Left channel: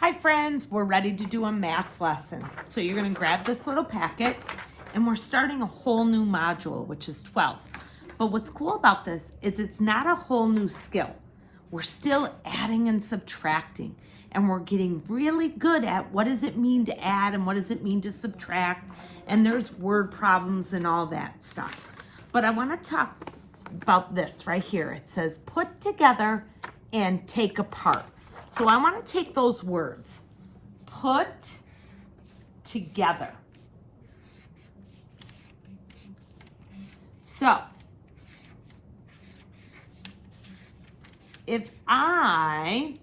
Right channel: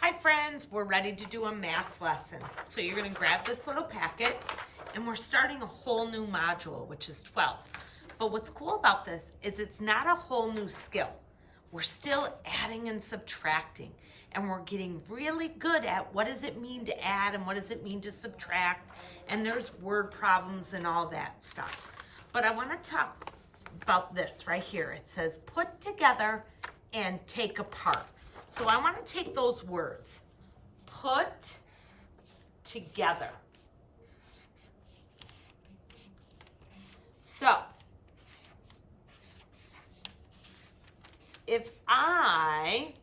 Hi friends, we're ready to do a math lesson. So you're gonna grab this little packet and we're starting a whole new module, which is 12. But what's cool about this is it's not a whole new skill. We're still adding and subtracting, and we're getting really good at what does it mean to add and what does it mean to subtract, and there's word problems and all that stuff. But I wanna talk about this right here. It says put together and take apart. So I want to take those words, put together. So if I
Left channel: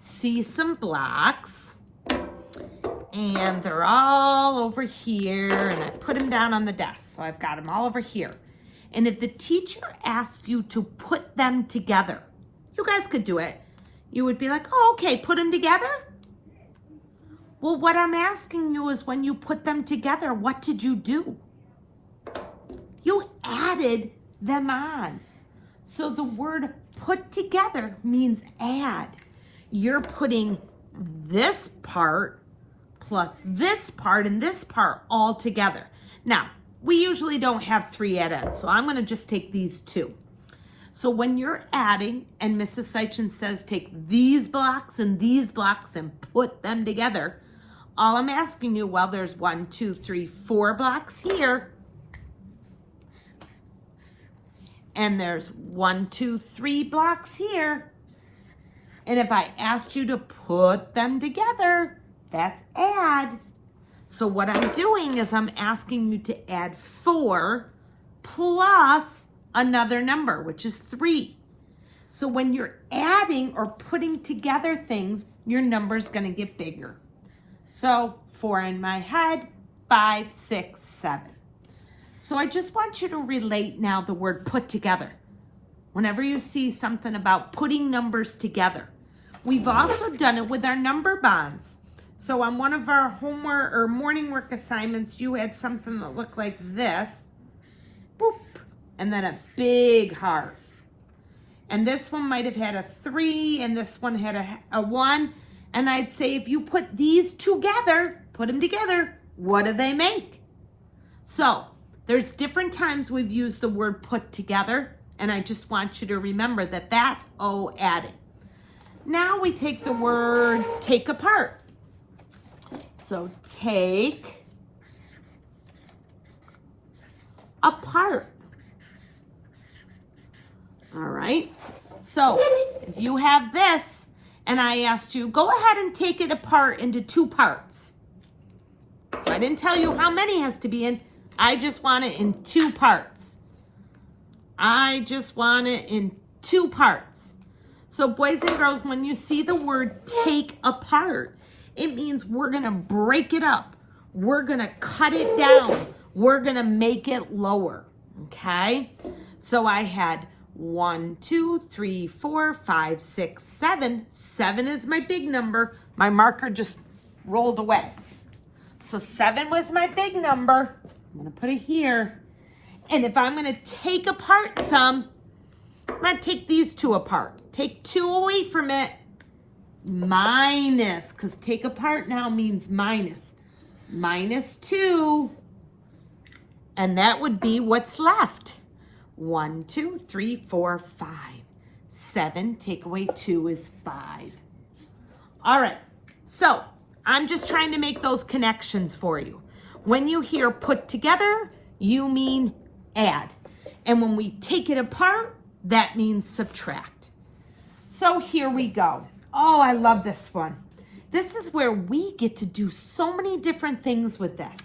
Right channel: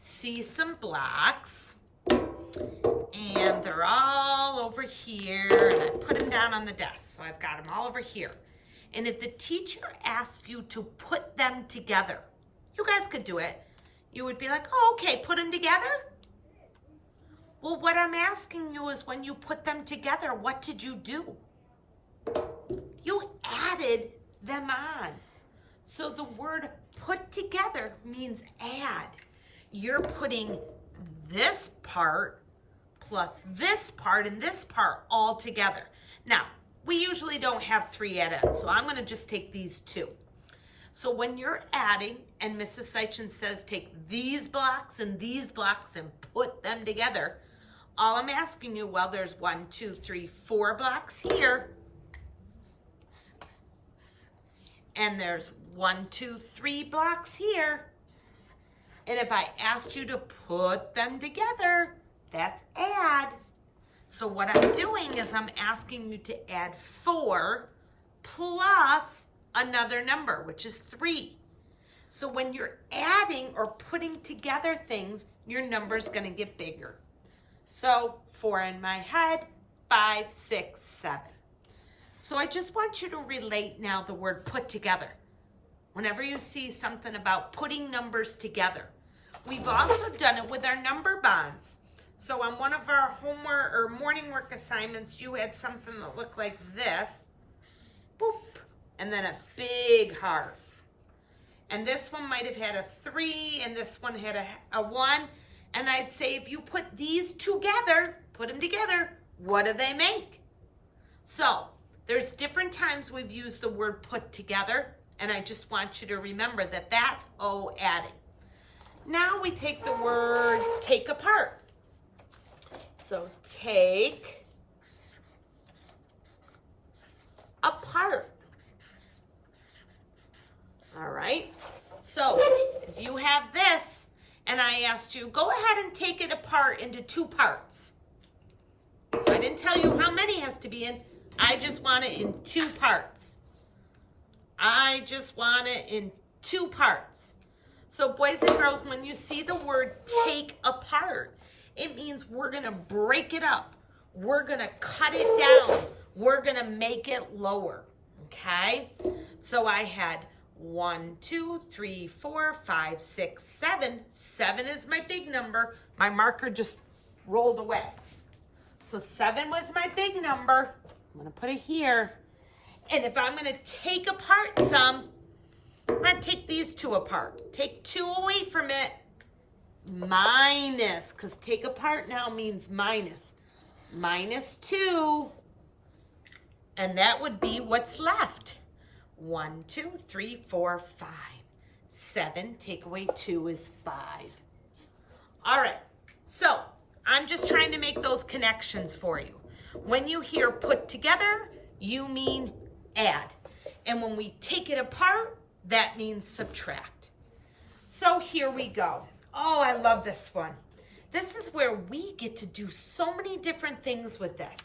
see some blocks and they're all over here and I put them down on the desk, so I've got them all over here. And if the teacher asks you to put them together, you guys could do it. You would be like, oh, okay, put them together? Well, what I'm asking you is when you put them together, what did you do? You added them on. So the word put together means add. You're putting this part plus this part and this part all together. Now, we usually don't have 3 add-ins, so I'm gonna just take these 2. So when you're adding and Mrs. Seichin says take these blocks and put them together, all I'm asking you, well, there's 1, 2, 3, 4 blocks here. And there's 1, 2, 3 blocks here. And if I asked you to put them together, that's add. So what I'm doing is I'm asking you to add 4 plus another number, which is 3. So when you're adding or putting together things, your number's gonna get bigger. So 4 in my head, 5, 6, 7. So I just want you to relate now the word put together. Whenever you see something about putting numbers together. We've also done it with our number bonds. So on one of our homework or morning work assignments, you had something that looked like this. Boop. And then a big heart. And this one might have had a 3 and this one had a 1. And I'd say if you put these together, put them together, what do they make? So there's different times we've used the word put together, and I just want you to remember that that's adding. Now we take the word take apart. So take apart. All right, so if you have this and I asked you, go ahead and take it apart into 2 parts. So I didn't tell you how many has to be in. I just want it in 2 parts. I just want it in 2 parts. So boys and girls, when you see the word take apart, it means we're gonna break it up. We're gonna cut it down. We're gonna make it lower, okay? So I had 1, 2, 3, 4, 5, 6, 7. 7 is my big number. My marker just rolled away. So 7 was my big number. I'm gonna put it here. And if I'm gonna take apart some, I'm gonna take these 2 apart. Take 2 away from it, minus, because take apart now means minus. Minus 2, and that would be what's left. 1, 2, 3, 4, 5. 7, take away 2 is 5. All right, so I'm just trying to make those connections for you. When you hear put together, you mean add. And when we take it apart, that means subtract. So here we go. Oh, I love this one. This is where we get to do so many different things with this.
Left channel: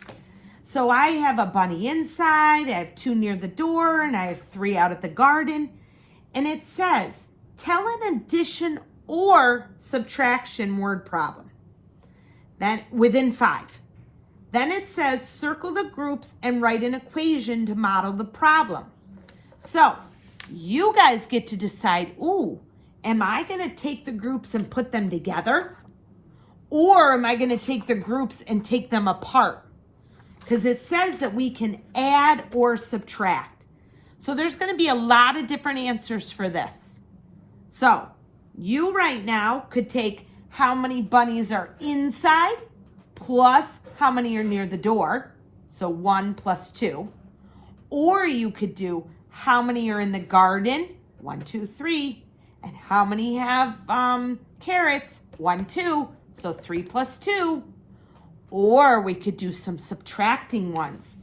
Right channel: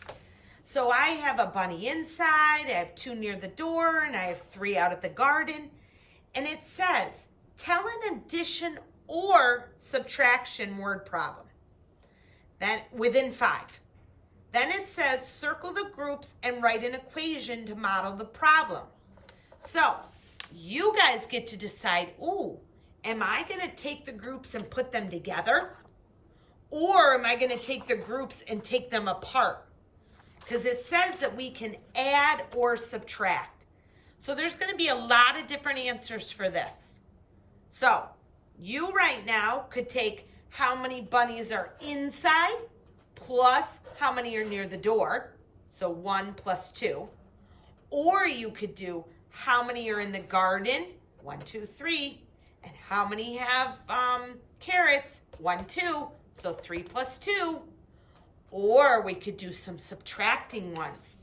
So I have a bunny inside, I have 2 near the door, and I have 3 out at the garden. And it says, tell an addition or subtraction word problem. Then within 5. Then it says, circle the groups and write an equation to model the problem. So you guys get to decide, ooh, am I gonna take the groups and put them together? Or am I gonna take the groups and take them apart? Because it says that we can add or subtract. So there's going to be a lot of different answers for this. So you right now could take how many bunnies are inside plus how many are near the door. So 1 plus 2. Or you could do how many are in the garden, 1, 2, 3, and how many have carrots, 1, 2, so 3 plus 2. Or we could do some subtracting ones.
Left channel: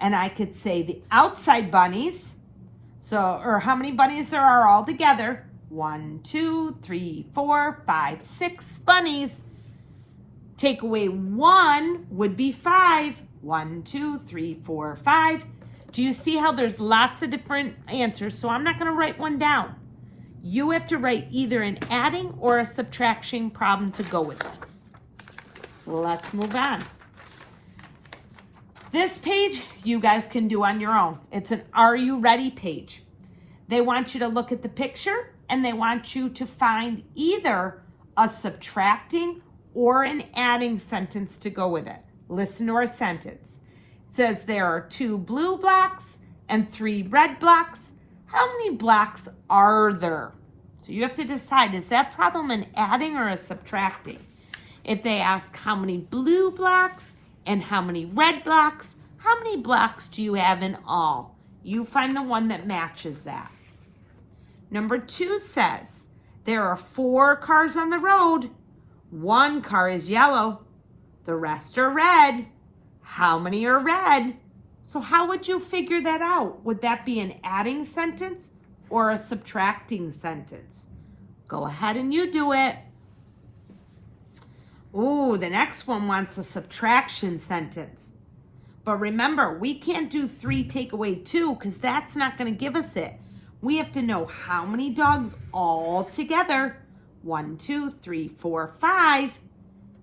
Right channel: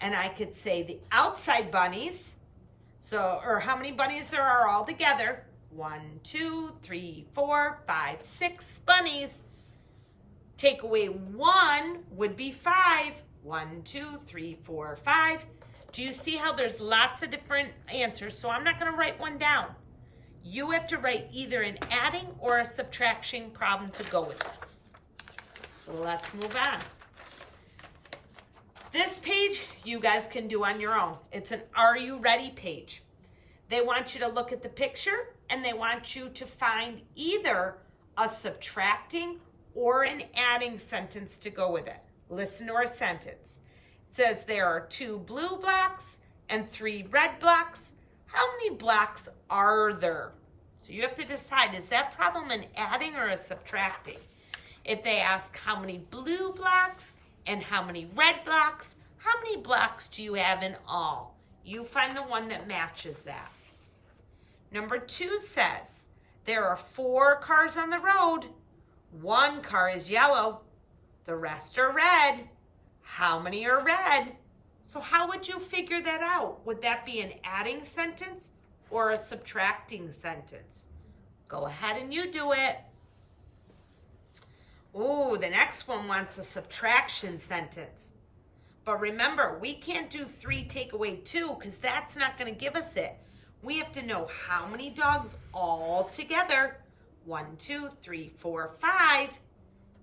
And I could say the outside bunnies, or how many bunnies there are all together. 1, 2, 3, 4, 5, 6 bunnies. Take away 1 would be 5. 1, 2, 3, 4, 5. Do you see how there's lots of different answers? So I'm not going to write one down. You have to write either an adding or a subtraction problem to go with this. Let's move on. This page you guys can do on your own. It's an Are You Ready page. They want you to look at the picture and they want you to find either a subtracting or an adding sentence to go with it. Listen to our sentence. It says there are 2 blue blocks and 3 red blocks. How many blocks are there? So you have to decide, is that problem an adding or a subtracting? If they ask how many blue blocks and how many red blocks, how many blocks do you have in all? You find the one that matches that. Number 2 says, there are 4 cars on the road. 1 car is yellow. The rest are red. How many are red? So how would you figure that out? Would that be an adding sentence or a subtracting sentence? Go ahead and you do it. Ooh, the next one wants a subtraction sentence. But remember, we can't do 3 take away 2 because that's not going to give us it. We have to know how many dogs all together. 1, 2, 3, 4, 5.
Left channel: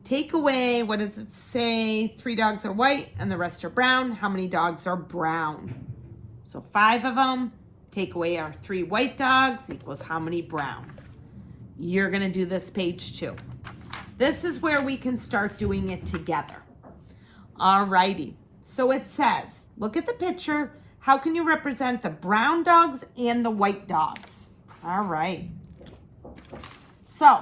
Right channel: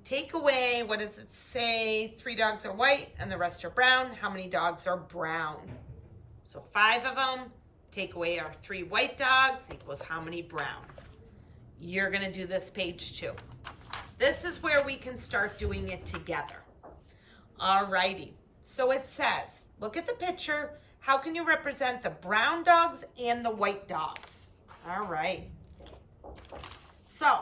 Take away, what does it say? 3 dogs are white and the rest are brown. How many dogs are brown? So 5 of them. Take away our 3 white dogs equals how many brown? You're going to do this page too. This is where we can start doing it together. All righty. So it says, look at the picture. How can you represent the brown dogs and the white dogs? All right. So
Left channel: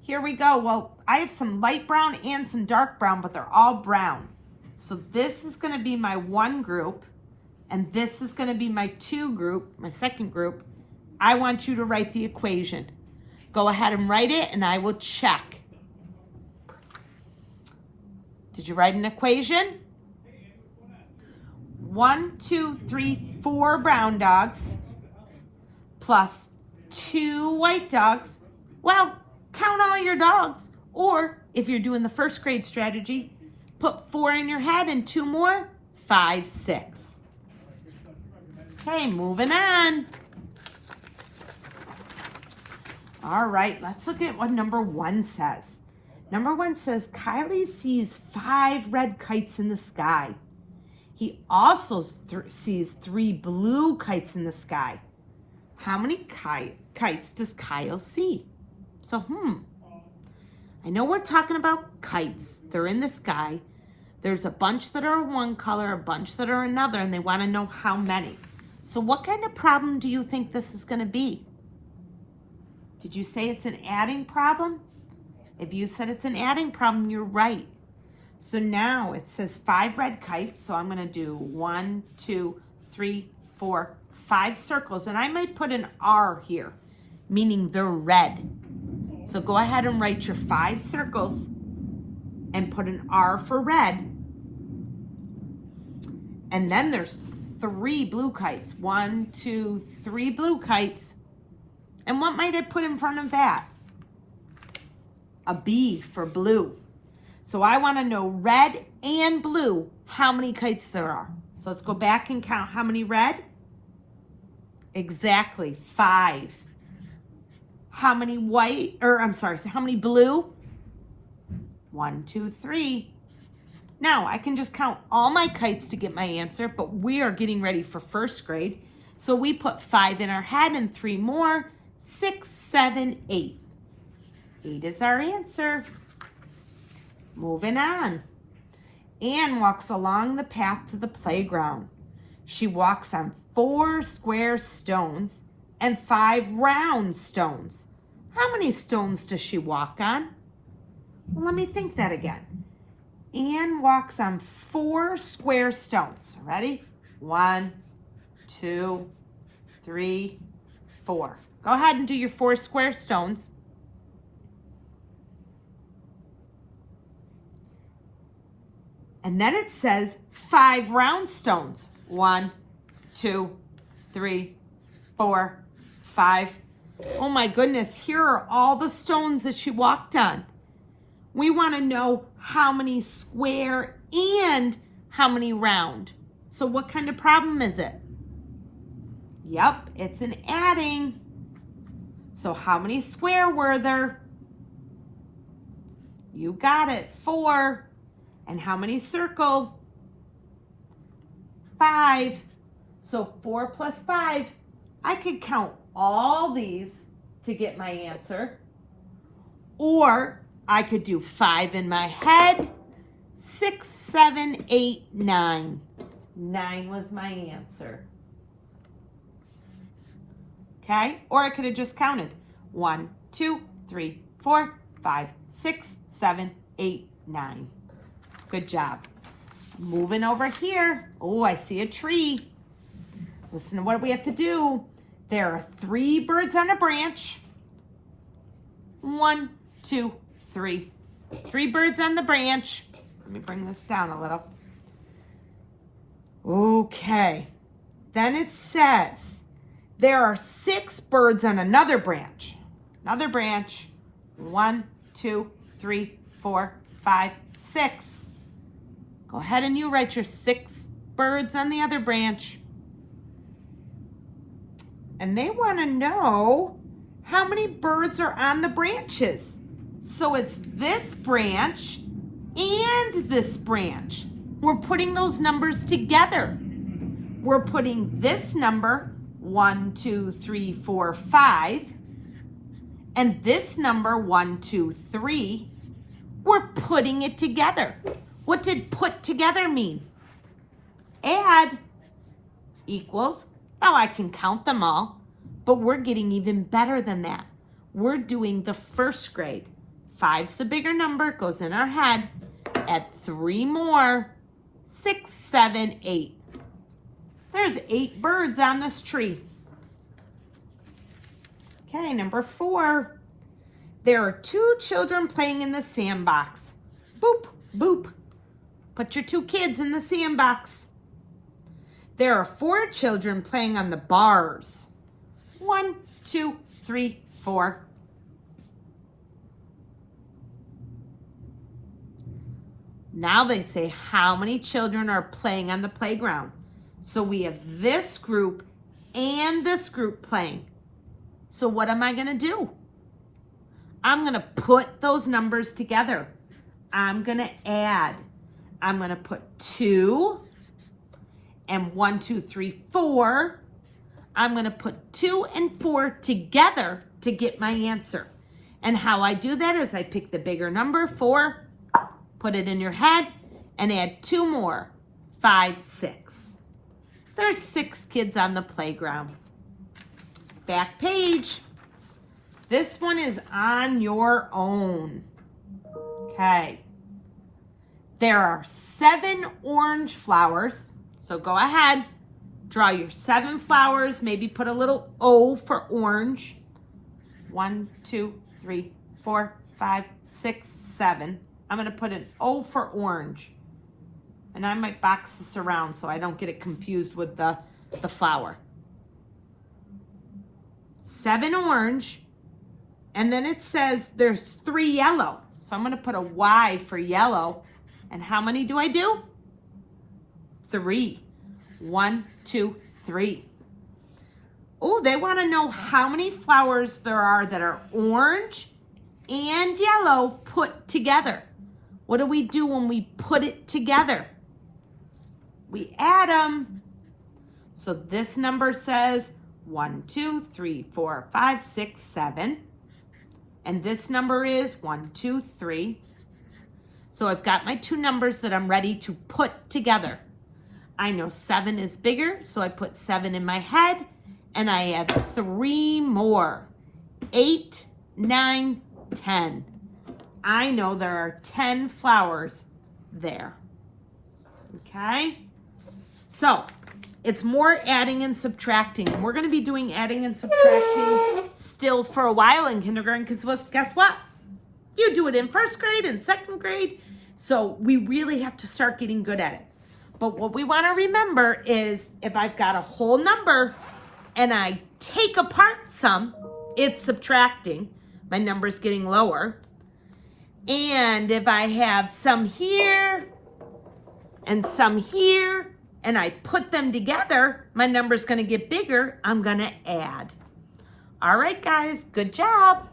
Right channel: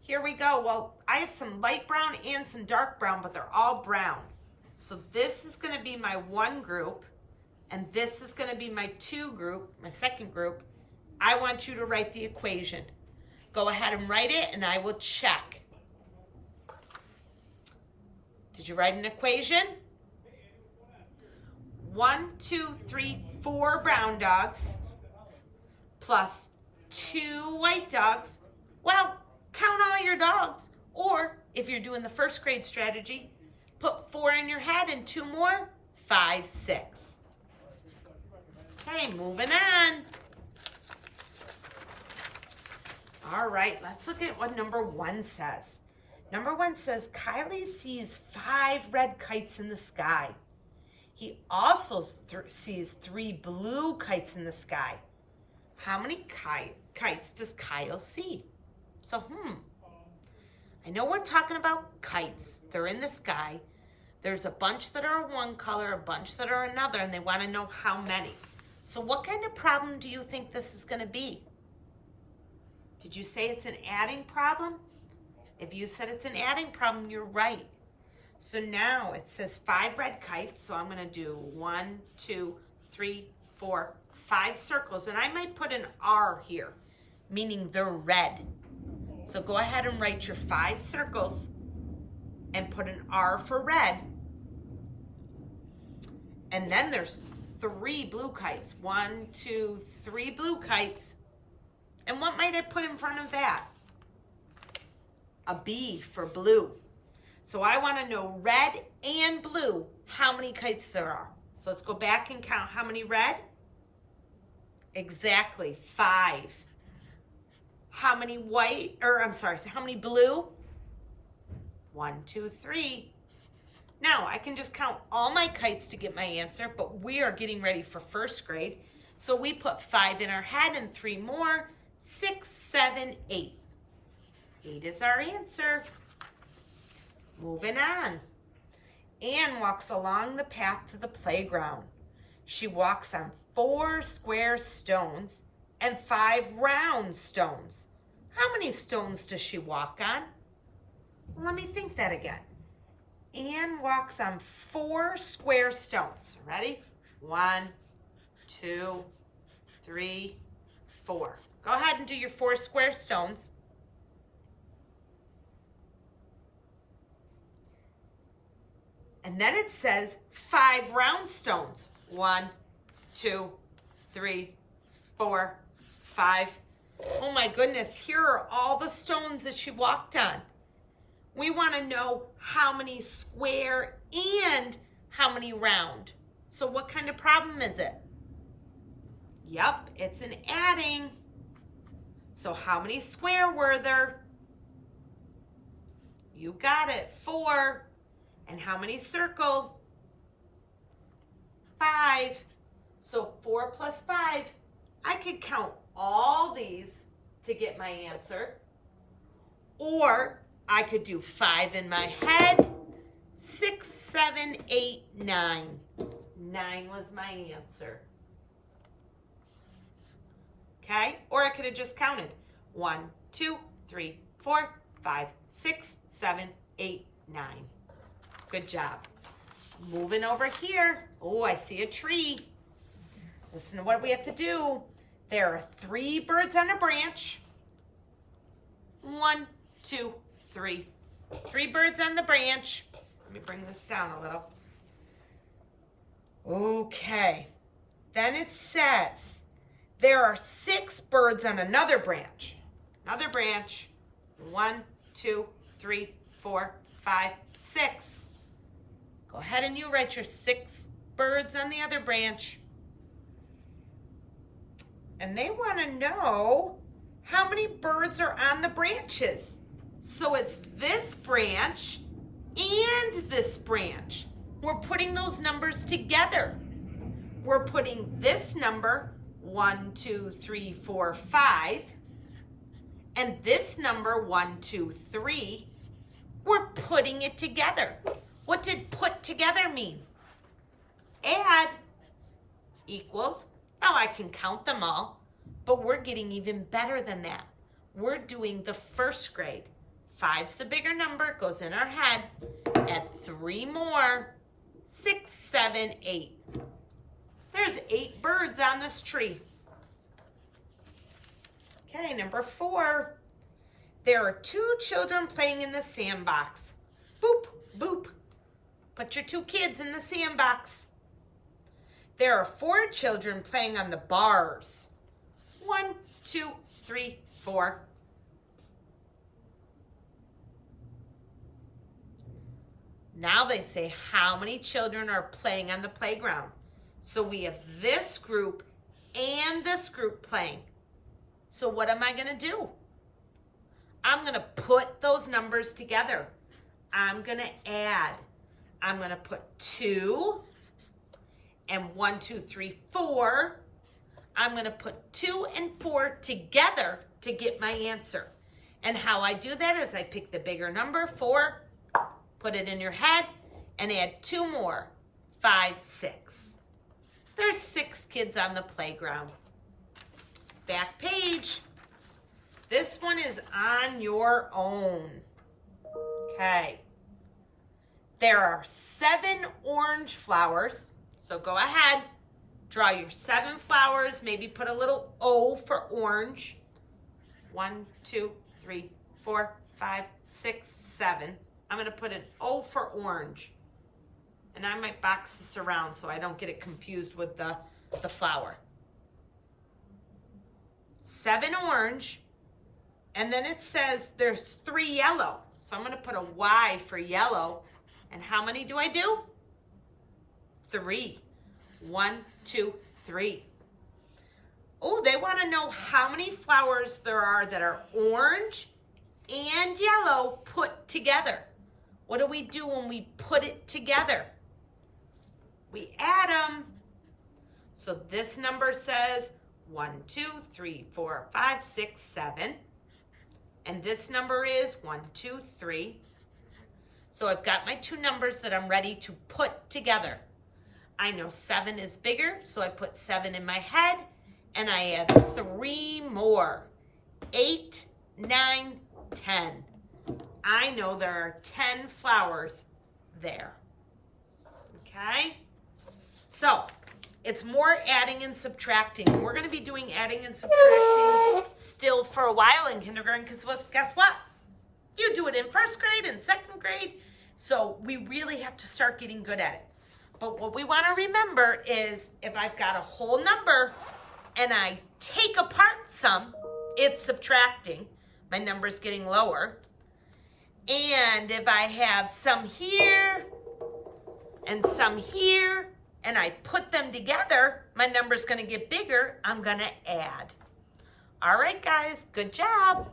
here we go. Well, I have some light brown and some dark brown, but they're all brown. So this is going to be my 1 group, and this is going to be my 2 group, my second group. I want you to write the equation. Go ahead and write it, and I will check. Did you write an equation? 1, 2, 3, 4 brown dogs plus 2 white dogs. Well, count all your dogs. Or if you're doing the first grade strategy, put 4 in your head and 2 more, 5, 6. Okay, moving on. All right, let's look at what number 1 says. Number 1 says, Kylie sees 5 red kites in the sky. He also sees 3 blue kites in the sky. How many kites does Kyle see? So, I know we're talking about kites. They're in the sky. There's a bunch that are one color, a bunch that are another, and they want to know how many. So what kind of problem do you think this is going to be? Did you say it's an adding problem? If you said it's an adding problem, you're right. So now it says 5 red kites. So I'm going to do 1, 2, 3, 4, 5 circles. And I might put an R here, meaning they're red. So go ahead and write your 5 circles and put an R for red. And then there's 3 blue kites. 1, 2, 3 blue kites. And what might I put in front of that? A B for blue. So I want to know red and blue, how many kites there are. So let's go back and count how many red. Exactly, 5. How many how many blue? 1, 2, 3. Now I can just count all my kites to get my answer, but we are getting ready for first grade. So we put 5 in our head and 3 more, 6, 7, 8. 8 is our answer. Moving on. Anne walks along the path to the playground. She walks on 4 square stones and 5 round stones. How many stones does she walk on? Let me think that again. Anne walks on 4 square stones. Ready? 1, 2, 3, 4. Go ahead and do your 4 square stones. And then it says 5 round stones. 1, 2, 3, 4, 5. Oh my goodness, here are all the stones that she walked on. We want to know how many square and how many round. So what kind of problem is it? Yep, it's an adding. So how many square were there? You got it, 4. And how many circle? 5. So 4 plus 5. I could count all these to get my answer. Or I could do 5 in my head. 6, 7, 8, 9. 9 was my answer. Okay? Or I could have just counted. 1, 2, 3, 4, 5, 6, 7, 8, 9. Good job. Moving over here. Oh, I see a tree. Listen to what we have to do. There are 3 birds on a branch. 1, 2, 3. 3 birds on the branch. Let me bring this down a little. Okay. Then it says there are 6 birds on another branch. Another branch. 1, 2, 3, 4, 5, 6. Go ahead and you write your 6 birds on the other branch. And they want to know how many birds are on the branches. So it's this branch and this branch. We're putting those numbers together. We're putting this number 1, 2, 3, 4, 5 and this number 1, 2, 3. We're putting it together. What did put together mean? Add equals. Now I can count them all, but we're getting even better than that. We're doing the first grade. 5's the bigger number, goes in our head. Add 3 more. 6, 7, 8. There's 8 birds on this tree. Okay, number 4. There are 2 children playing in the sandbox. Boop, boop. Put your 2 kids in the sandbox. There are 4 children playing on the bars. 1, 2, 3, 4. Now they say how many children are playing on the playground. So we have this group and this group playing. So what am I going to do? I'm going to put those numbers together. I'm going to add. I'm going to put 2 and 1, 2, 3, 4. I'm going to put 2 and 4 together to get my answer. And how I do that is I pick the bigger number, 4, put it in your head, and add 2 more, 5, 6. There's 6 kids on the playground. Back page. This one is on your own. Okay. There are 7 orange flowers. So go ahead, draw your 7 flowers, maybe put a little O for orange. 1, 2, 3, 4, 5, 6, 7. I'm going to put an O for orange. And I might box this around so I don't get it confused with the flower. 7 orange. And then it says there's 3 yellow. So I'm going to put a Y for yellow. And how many do I do? 3. 1, 2, 3. Oh, they want to know how many flowers there are that are orange and yellow put together. What do we do when we put it together? We add them. So this number says 1, 2, 3, 4, 5, 6, 7. And this number is 1, 2, 3. So I've got my 2 numbers that I'm ready to put together. I know 7 is bigger, so I put 7 in my head, and I add 3 more. 8, 9, 10. I know there are 10 flowers there. Okay? So, it's more adding and subtracting. We're going to be doing adding and subtracting still for a while in kindergarten because guess what? You do it in first grade and second grade. So we really have to start getting good at it. But what we want to remember is if I've got a whole number and I take apart some, it's subtracting. My number's getting lower. And if I have some here and some here, and I put them together, my number's going to get bigger. I'm going to add. All right, guys, good job.